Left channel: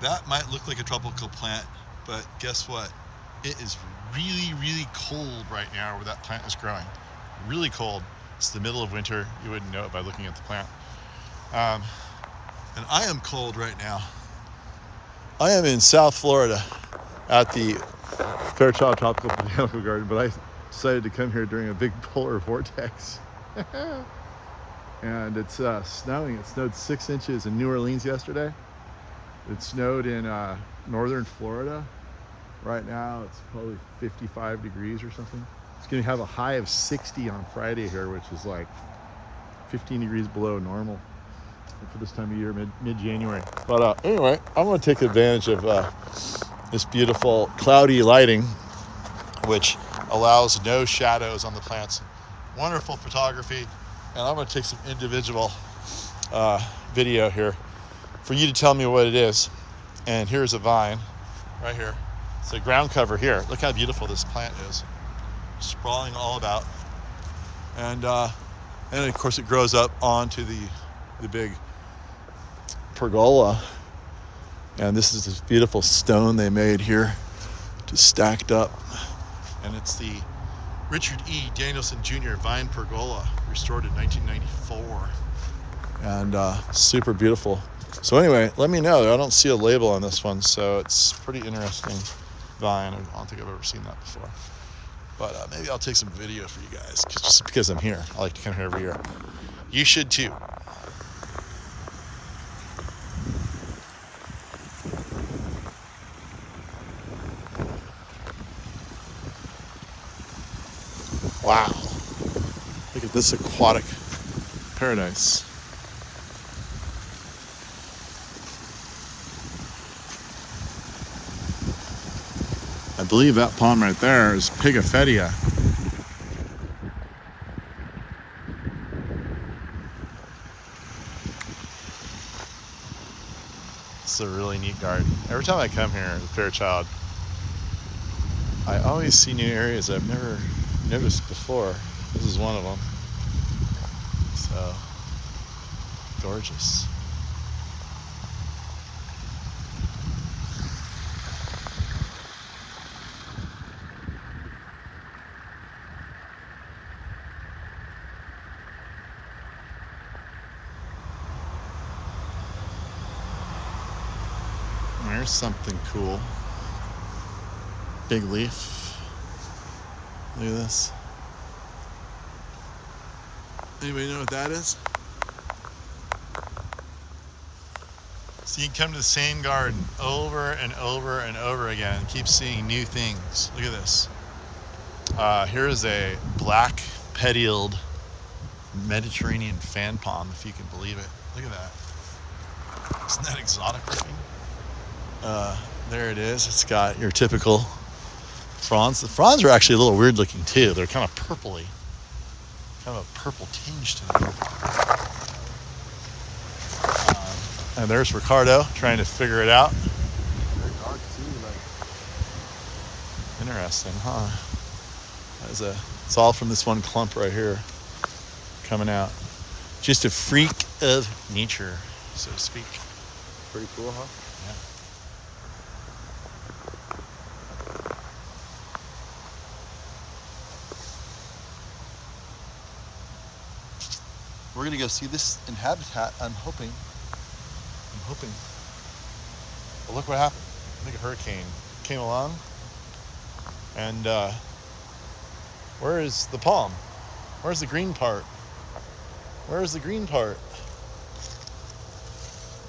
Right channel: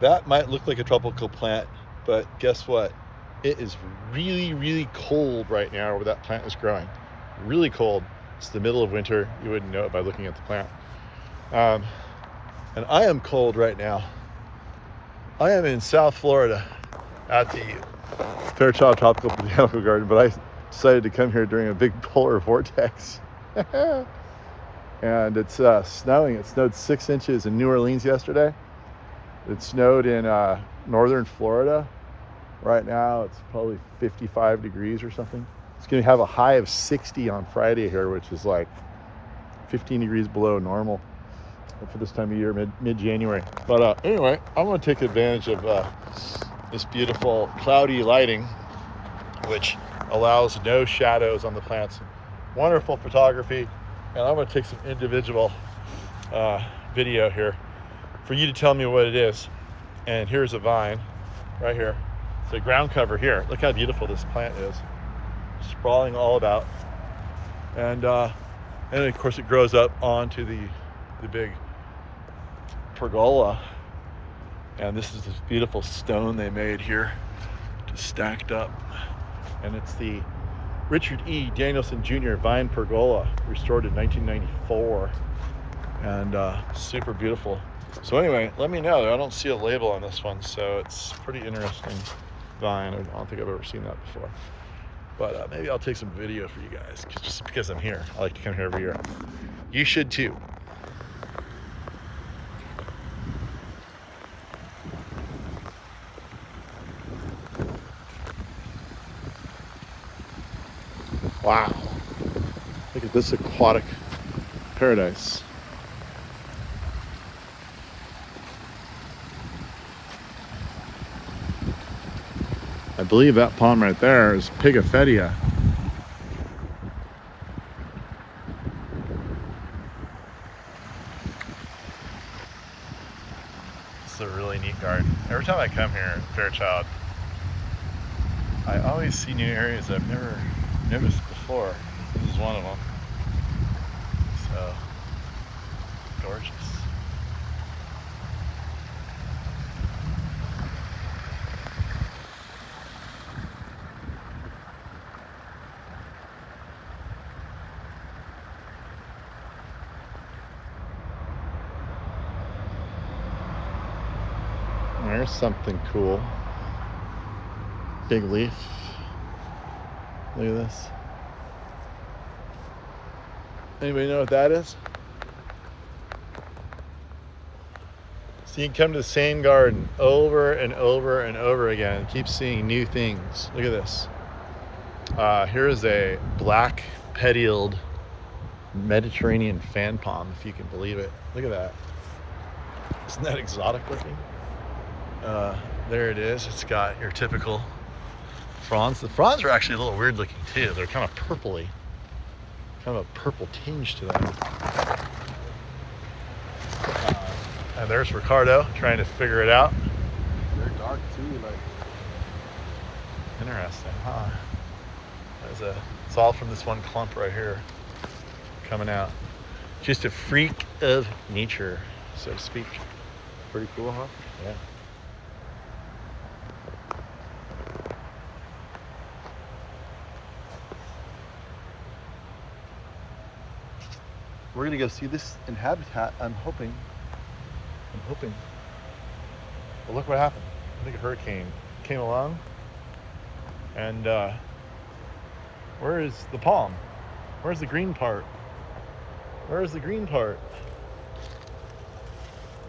That might look like a tropical plant, but guess what? It is really, really cold right now where that plant is growing. Really cold. It's the middle of winter. You wouldn't know it by looking at the plant. And I am cold right now. I am in South Florida at the Fairchild Tropical Botanical Garden, but I decided to come here during a big polar vortex. And it's snowing. It snowed 6 inches in New Orleans yesterday. It snowed in northern Florida. Right now it's probably 55 degrees or something. It's going to have a high of 60 on Friday here, which is like 15 degrees below normal for this time of year, mid-January. But anyway, I'm going to take advantage of this beautiful cloudy lighting, which allows no shadows on the plants. Wonderful photography. And I'm going to take some individual video here for you to tell me what it is. And here's a vine right here. It's a ground cover here. Look how beautiful this plant is. Sprawling all about. And of course it grows up onto the big pergola. And this is this beautiful stone they made here, just stacked up. And it's the Richard E. Danielson Jr. Vine Pergola, restored in 1994. And super beautiful. So anyway, let me know. I don't see a label on this one, so it's pretty interesting vine. I don't think I've ever seen that before. But maybe I'll take some video for you guys, just because I'm here. I like to come here every year. You should too. Wow. Look at this aquatic paradise. I believe that palm right there is Pigafettia. It's a really neat garden. Every time I come here to Fairchild, I always see new areas I've never noticed before. This is one of them. So, gorgeous. There's something cool. Big leaf. Look at this. Anybody know what that is? So you can come to the same garden over and over and over again and keep seeing new things. Look at this. Here's a black petioled Mediterranean fan palm, if you can believe it. Look at that. Isn't that exotic looking? There it is. It's got your typical fronds. The fronds are actually a little weird looking too. They're kind of purpley. Kind of a purple tinge to them. And there's Ricardo trying to figure it out. Their dog too, like. Interesting, huh? It's all from this one clump right here coming out. Just a freak of nature, so to speak. Pretty cool, huh? Yeah. We're gonna go see this in habitat. I'm hoping. But look what happened. I think a hurricane came along, and where is the palm? Where's the green part? Where's the green part?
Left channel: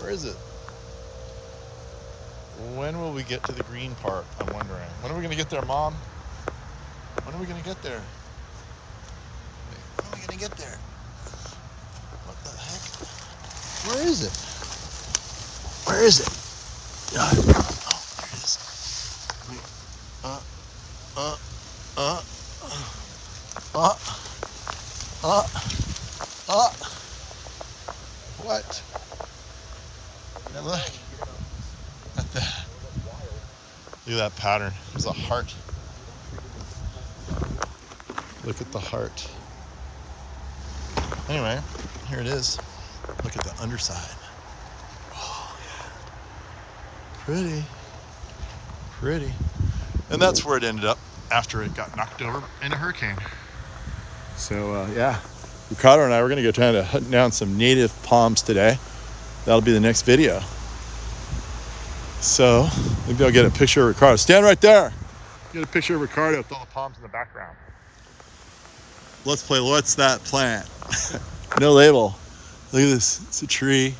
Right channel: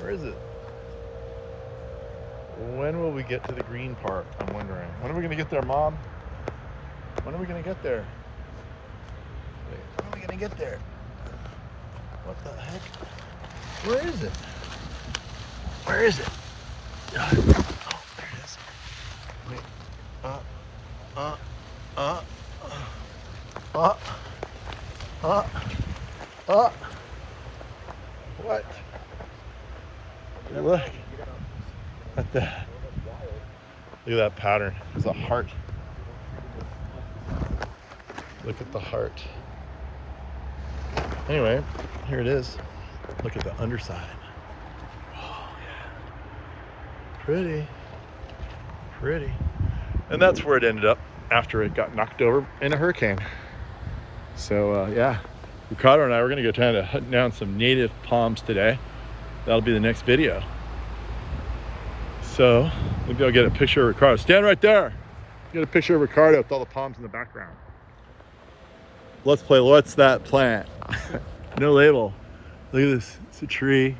Where is it? When will we get to the green part? I'm wondering. When are we gonna get there, Mom? When are we gonna get there? Wait, when are we gonna get there? What the heck? Where is it? Where is it? Oh, there it is. What? Look at that. Look at that pattern. There's a heart. Look at the heart. Anyway, here it is. Look at the underside. Oh, Pretty. Pretty. And that's where it ended up after it got knocked over in a hurricane. So yeah, Ricardo and I were gonna go try to hunt down some native palms today. That'll be the next video. So maybe I'll get a picture of Ricardo. Stand right there. Get a picture of Ricardo with all the palms in the background. Let's play What's That Plant? No label. Look at this, it's a tree.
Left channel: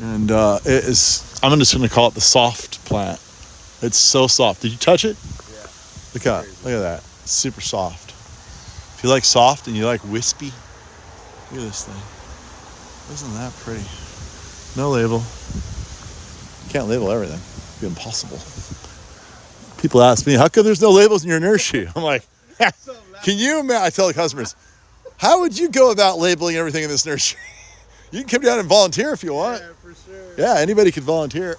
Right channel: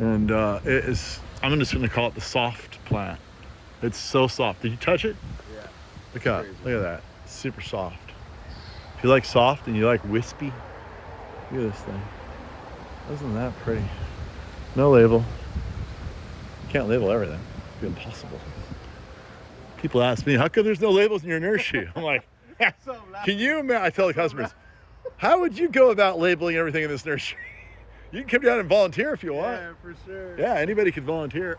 And it is, I'm just gonna call it the soft plant. It's so soft. Did you touch it? Yeah. Look at that, it's super soft. If you like soft and you like wispy, look at this thing. Isn't that pretty? No label. You can't label everything, it'd be impossible. People ask me, how come there's no labels in your nursery? I'm like, can you imagine? I tell the customers, how would you go about labeling everything in this nursery? You can come down and volunteer if you want. Yeah, for sure. Yeah, anybody could volunteer.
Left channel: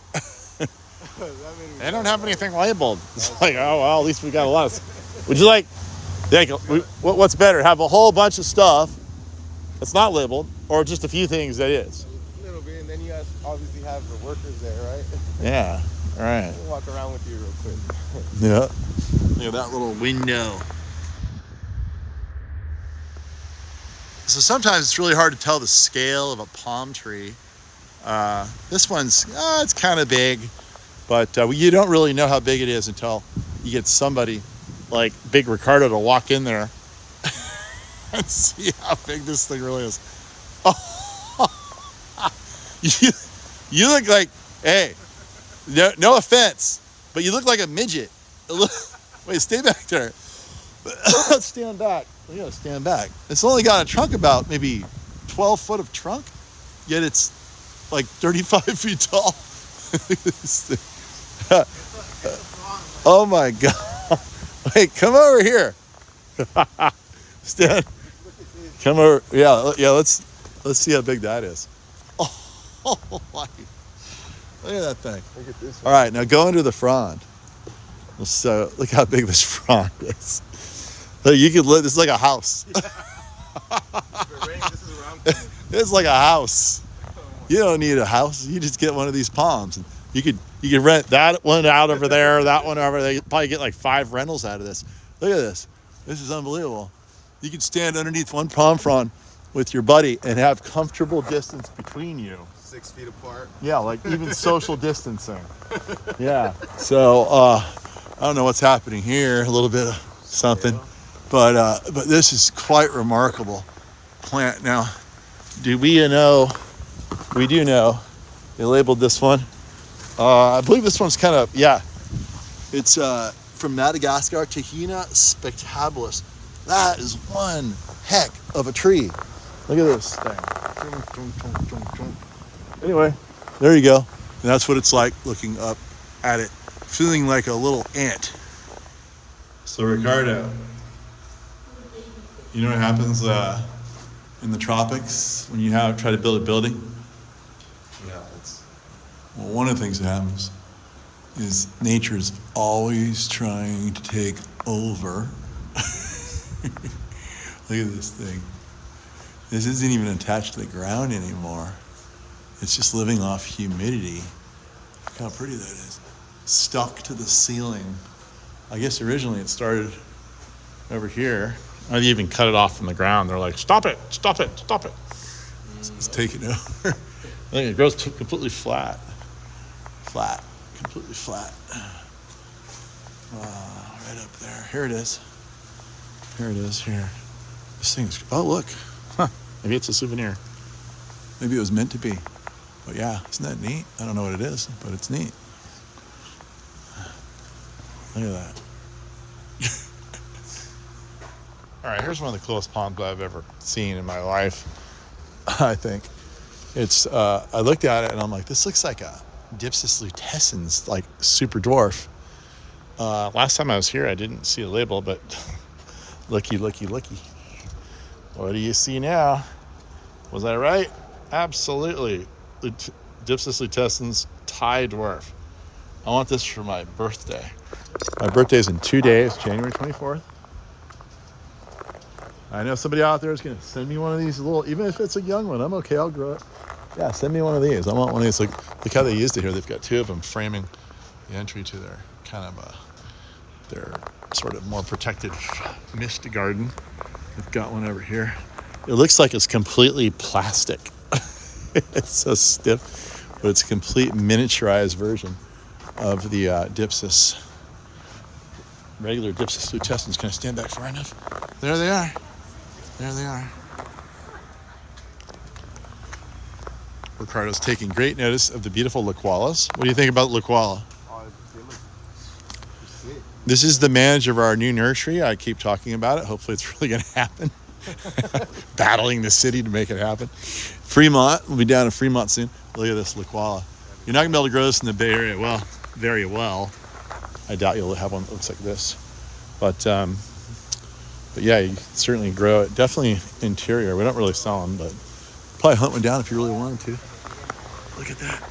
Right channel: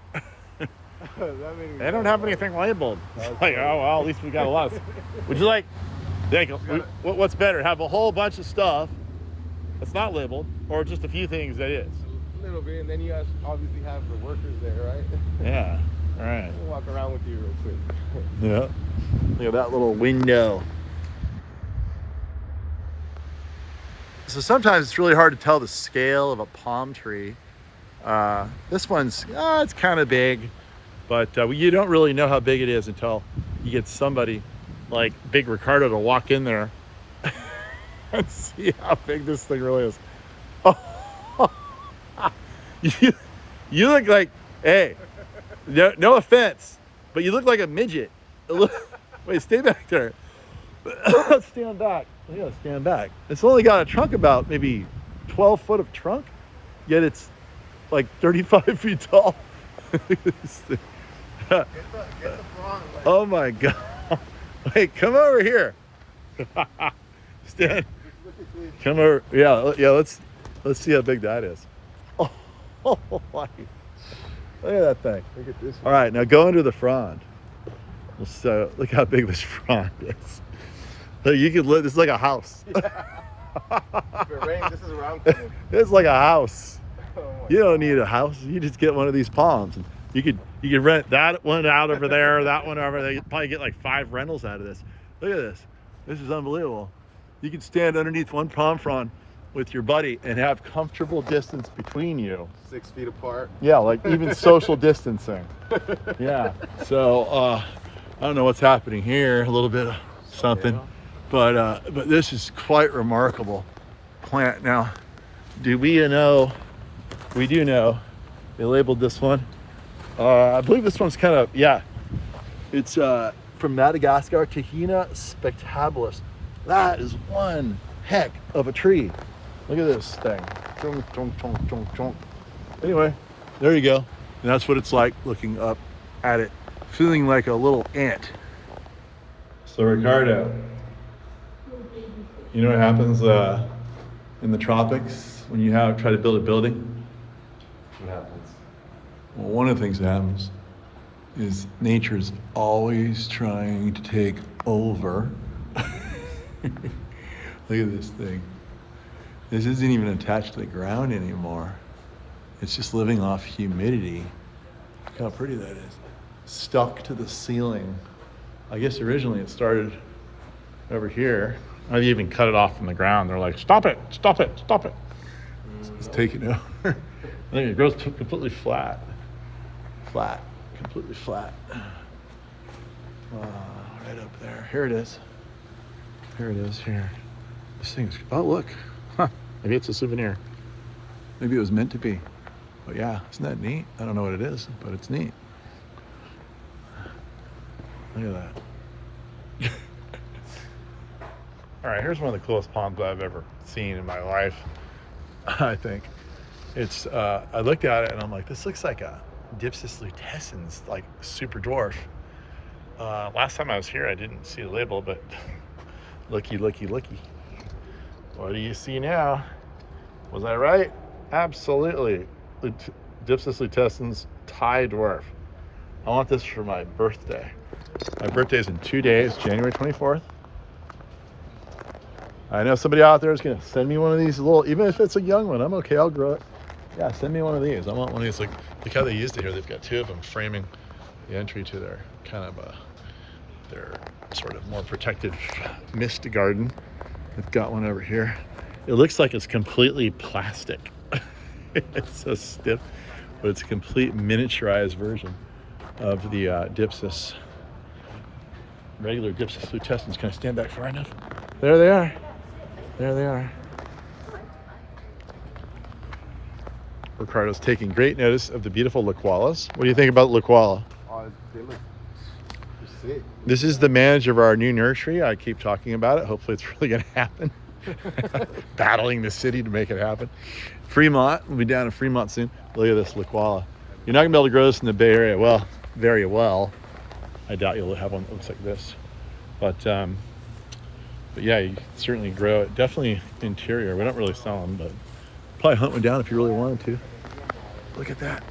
They don't have anything labeled. It's like, oh, well, at least we got a lot of. Would you like, what's better, have a whole bunch of stuff that's not labeled, or just a few things that is? A little bit, and then you obviously have the workers there, right? Yeah, right. We'll walk around with you real quick. Yeah. Look at that little window. So sometimes it's really hard to tell the scale of a palm tree. This one's, it's kind of big, but you don't really know how big it is until you get somebody like Big Ricardo to walk in there and see how big this thing really is. Oh, you look like, hey, no offense, but you look like a midget. Wait, stay back there. Stand back. We gotta stand back. It's only got a trunk about maybe 12 foot of trunk, yet it's like 35 feet tall. Oh my God. Wait, come over here. Stand. Come over. Yeah, let's see how big that is. Oh, look at that thing. Look at this one. All right, now go into the frond. So look how big this frond is. Look, you could live, this is like a house. If it rains, this is where I'm coming. It's like a house. You don't need a house. You just get one of these palms. And you could rent that one out over there, that one over there. You probably get like 5 rentals out of this. Look at this. This is unbelievable. You could stand underneath one palm frond with your buddy and have comfortable distance between you. 6 feet apart. Yeah, like even social distancing. Yeah. So I don't know what's happening here. A little bit of something, but this is quite remarkable plant. Now, do we know? We do know they labeled this one. I believe this one's kind of, yeah. It's from Madagascar, Tahina spectabilis. That is one heck of a tree. Look at this thing. Chunk, chunk, chunk, chunk, chunk. Anyway, there you go. And that's what it's like looking up at it, feeling like a little ant. So Ricardo, you know what happens in the tropics when you try to build a building? What happens? Well, one of the things that happens is nature's always trying to take over. Look at this thing. This isn't even attached to the ground anymore. It's just living off humidity. Look how pretty that is. Stuck to the ceiling. I guess originally it started over here. I even cut it off from the ground. They're like, stop it, stop it, stop it. It's taking over. I think it goes completely flat. Flat, completely flat. Wow, right up there. Here it is. Here it is, here. This thing's, oh look. Huh, maybe it's a souvenir. Maybe it was meant to be. But yeah, isn't that neat? I don't know what it is, but it's neat. Look at that. All right, here's one of the coolest palms I've ever seen in my life, I think. It's, I looked at it and I'm like, this looks like a Dipsis lutescens, like super dwarf. Last time I was here, I didn't see a label, but looky, looky, looky. What do you see now? Was I right? Absolutely. Dipsis lutescens Thai dwarf. I want this for my birthday. My birthday's in 2 days, January 24th. I know somebody out there is gonna send me one of these little, even if it's a young one, I'm okay, I'll grow it. Yeah, send me one of these. I want one of these like Look how they used it here. They've got two of them framing the entry to their kind of their sort of more protected mist garden. They've got one over here. It looks like it's completely plastic. It's so stiff, but it's a complete miniaturized version of the Dipsis. Regular Dipsis lutescens. Can I stand back far enough? There they are. There they are. Ricardo's taking great notice of the beautiful liqualas. What do you think about liquala? They look sick. This is the manager of our new nursery. I keep talking about it. Hopefully it's really going to happen. Battling the city to make it happen. Fremont, we'll be down in Fremont soon. Look at this liquala. You're not going to be able to grow this in the Bay Area. Well, very well. I doubt you'll have one that looks like this. But yeah, you can certainly grow it. Definitely interior. We don't really sell them, but probably hunt one down if you really wanted to. Look at that.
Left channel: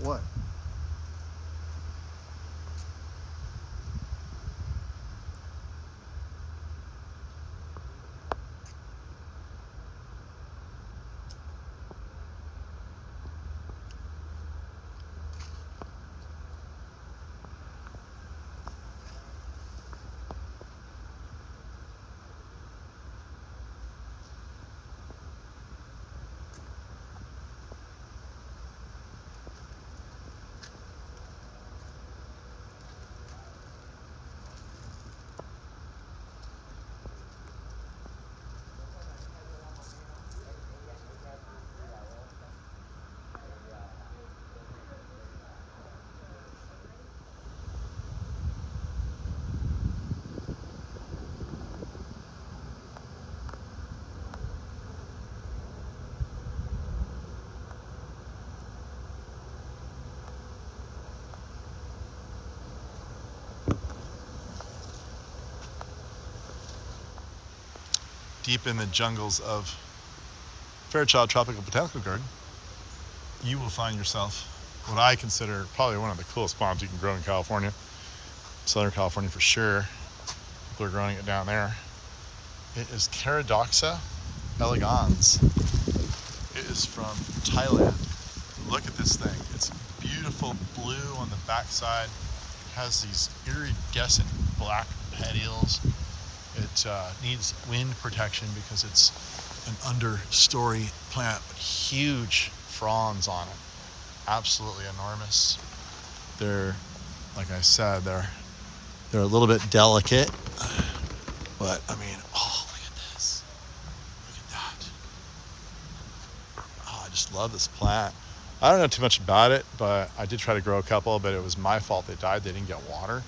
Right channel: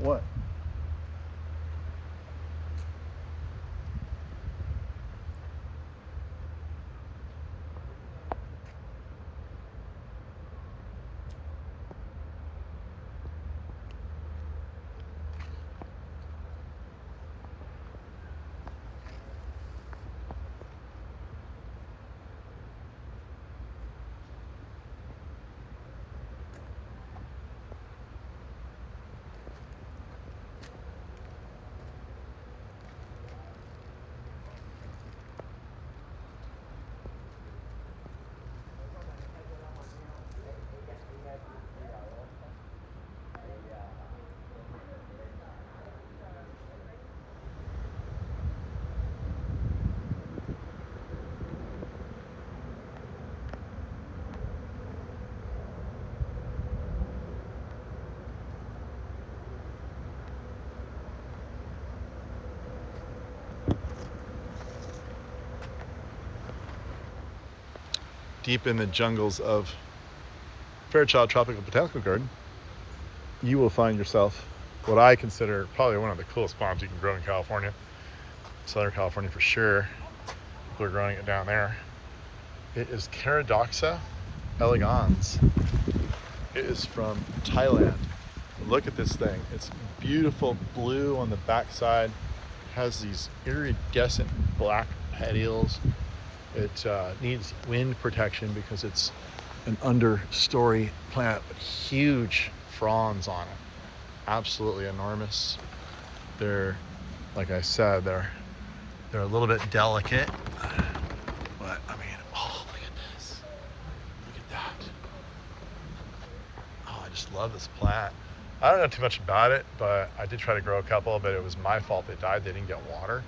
What? Deep in the jungles of Fairchild Tropical Botanical Garden, you will find yourself what I consider probably one of the coolest bombs you can grow in California. Southern California for sure. People are growing it down there. It is Caradoxa elegans. It is from Thailand. Look at this thing. It's beautiful blue on the backside. It has these iridescent black petioles. It needs wind protection because it's an understory plant with huge fronds on it. Absolutely enormous. They're, like I said, they're a little bit delicate, but I mean, oh, look at this. Look at that. Oh, I just love this plant. I don't know too much about it, but I did try to grow a couple, but it was my fault they died. They didn't get water.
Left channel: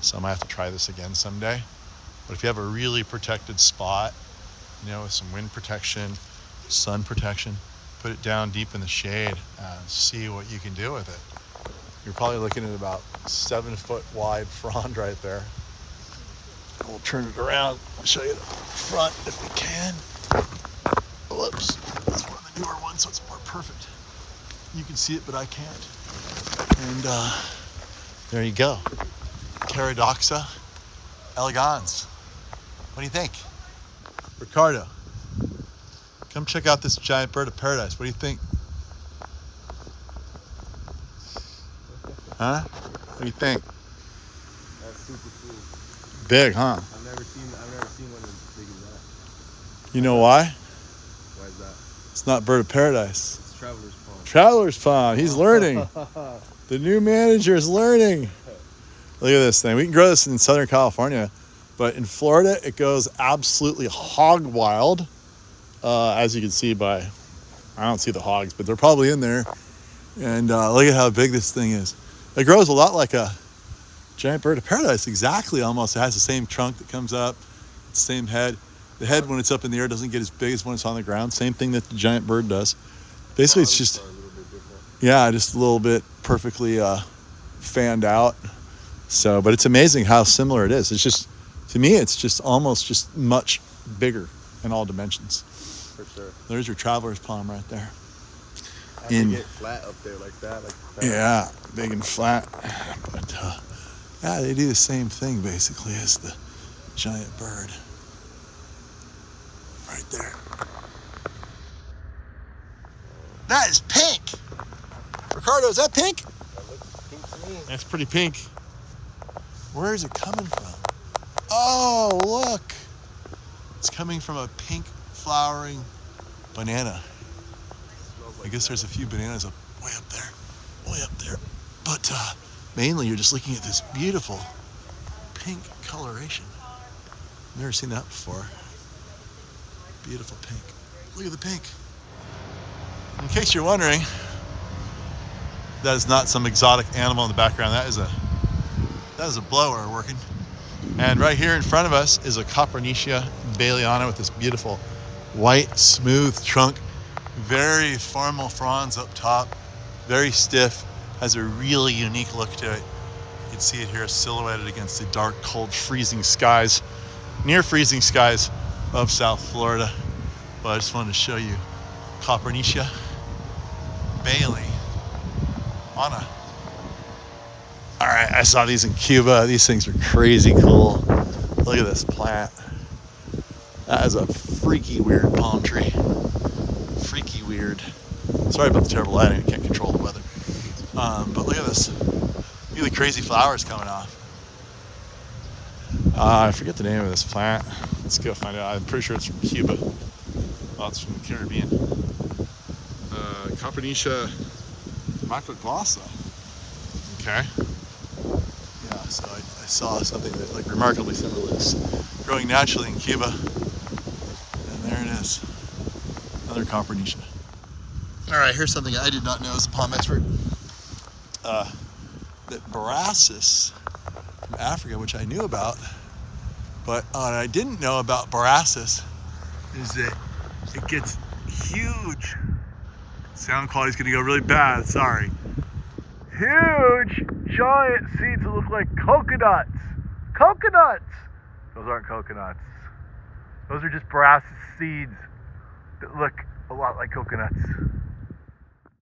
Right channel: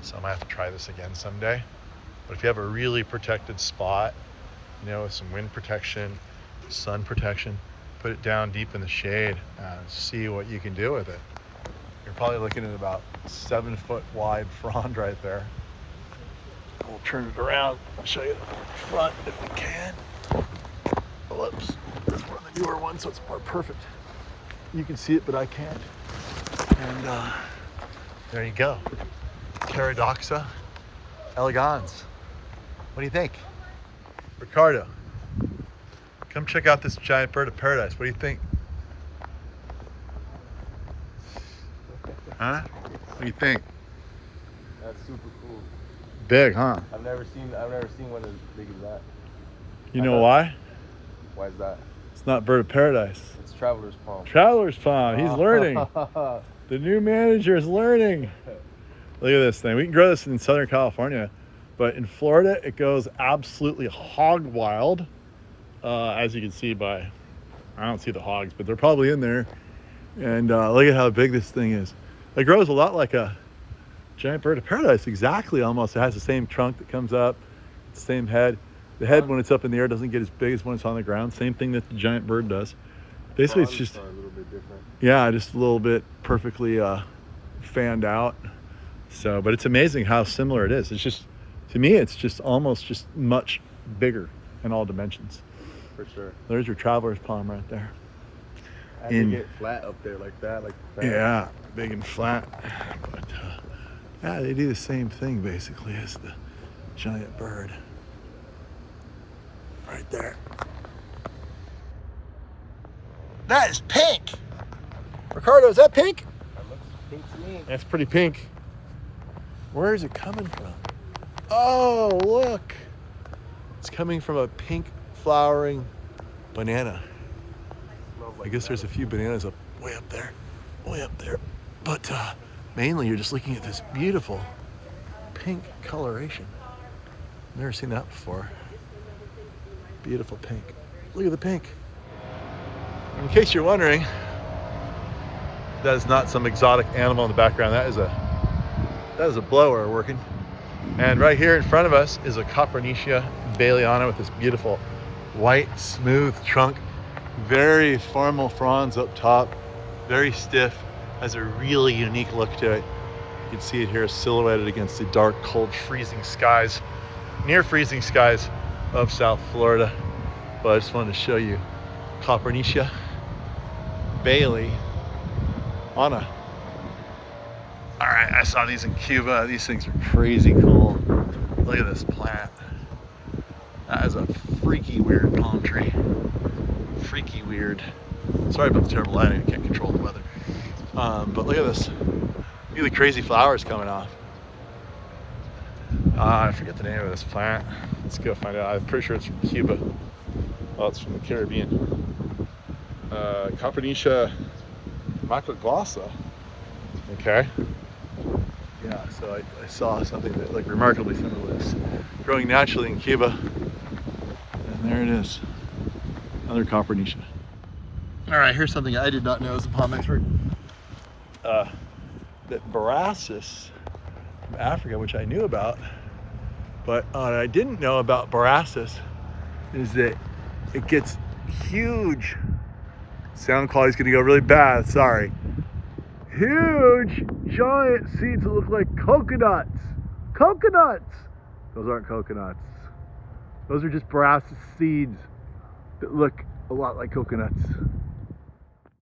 So I might have to try this again someday. But if you have a really protected spot, you know, with some wind protection, sun protection, put it down deep in the shade and see what you can do with it. You're probably looking at about 7 foot wide frond right there. We'll turn it around, I'll show you the front if we can. Whoops, it's one of the newer ones, so it's more perfect. You can see it, but I can't. And there you go. Caradoxa elegans. What do you think? Ricardo, come check out this giant bird of paradise. What do you think? Huh? What do you think? That's super cool. Big, huh? I've never seen one as big as that. You know why? Why is that? It's not bird of paradise. It's Traveler's Palm. Traveler's Pond. He's learning. The new manager is learning. Look at this thing. We can grow this in Southern California, but in Florida, it goes absolutely hog wild. As you can see by, I don't see the hogs, but they're probably in there. And look at how big this thing is. It grows a lot like a giant bird of paradise, exactly almost. It has the same trunk that comes up, same head. The head, when it's up in the air, doesn't get as big as when it's on the ground. Same thing that the giant bird does. Basically, it's just, Yeah, just a little bit perfectly fanned out. So, but it's amazing how similar it is. It's just, to me, it's just almost just much bigger in all dimensions. For sure. There's your traveler's palm right there. How do you get flat up there like that? Like that? Yeah, big and flat. But yeah, they do the same thing basically as the giant bird. Right there. That is pink. Ricardo, is that pink? That looks pink to me. That's pretty pink. Where is it coming from? Oh, look. It's coming from a pink flowering banana. I guess there's a few bananas way up there. But mainly you're just looking at this beautiful pink coloration. Never seen that before. Beautiful pink. Look at the pink. In case you're wondering, that is not some exotic animal in the background. That is a blower working. And right here in front of us is a Copernicia Baileyana with this beautiful white, smooth trunk. Very formal fronds up top, very stiff, has a really unique look to it. You can see it here silhouetted against the dark, cold, freezing skies, near freezing skies of South Florida. But I just wanted to show you Copernicia Baileyana. All right, I saw these in Cuba. These things are crazy cool. Look at this plant. That is a freaky weird palm tree. Freaky weird. Sorry about the terrible lighting, I can't control the weather. But look at this. Really crazy flowers coming off. I forget the name of this plant. Let's go find out. I'm pretty sure it's from Cuba. Oh, it's from the Caribbean. Copernicia macroglossa. Okay. Yeah, so I saw something that like remarkably similar to this growing naturally in Cuba. And there it is. Another Copernicia. All right, here's something I did not know as a palm expert. That Borassus from Africa, which I knew about, but what I didn't know about Borassus is that it gets huge. Sound quality's gonna go really bad, sorry. Huge, giant seeds that look like coconuts. Coconuts! Those aren't coconuts. Those are just Borassus seeds that look a lot like coconuts.